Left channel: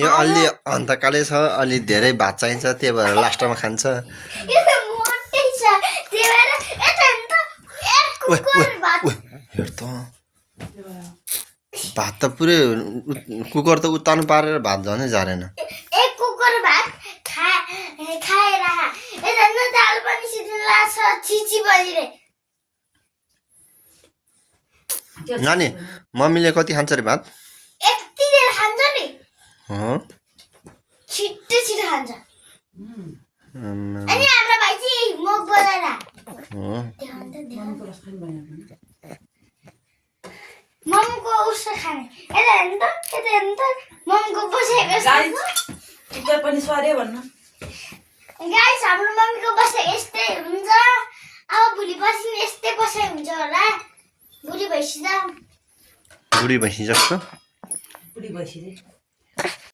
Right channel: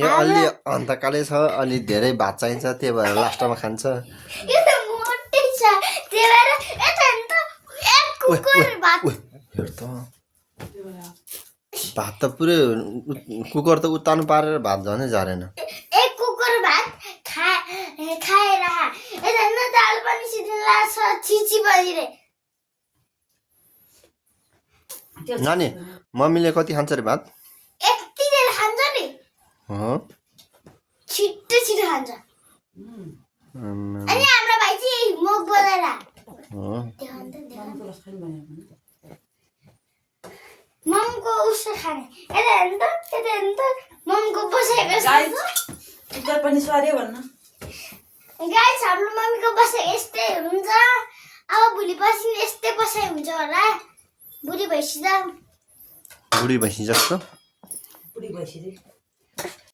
यो अलि अन्तकालै छ, अलि धेरै भात चाहिन्छ, त्यही भएर लास्टमा खान्छ। हेर त भात त पुरै कुकर त उत्तानो पारेर भात झनै झारेन। एक कुकर भात खाएर दाल पनि सिद्धिला छ छिची बजिरे। नानी मम्मीले कति खान्छ रे भात? यति धेरै खान्छ नि, छिट्टो छिट्टो खान्छ। अनि हाम्रो भाइ चाहिँ मुख बोलाएर ममको उसो खाने। यता हेर्नु त ममको बसेको कुकर पनि स्वार्यो भन्न। गाइस हाम्रो मम्मीको बसे यस्तै हुन्छ। अब भोलि पर्सि यस्तै बसाइ हुन्छ होला। बुढी भइसक्यो। बुढी भैँसी जस्तो बुढी भइसक्यो।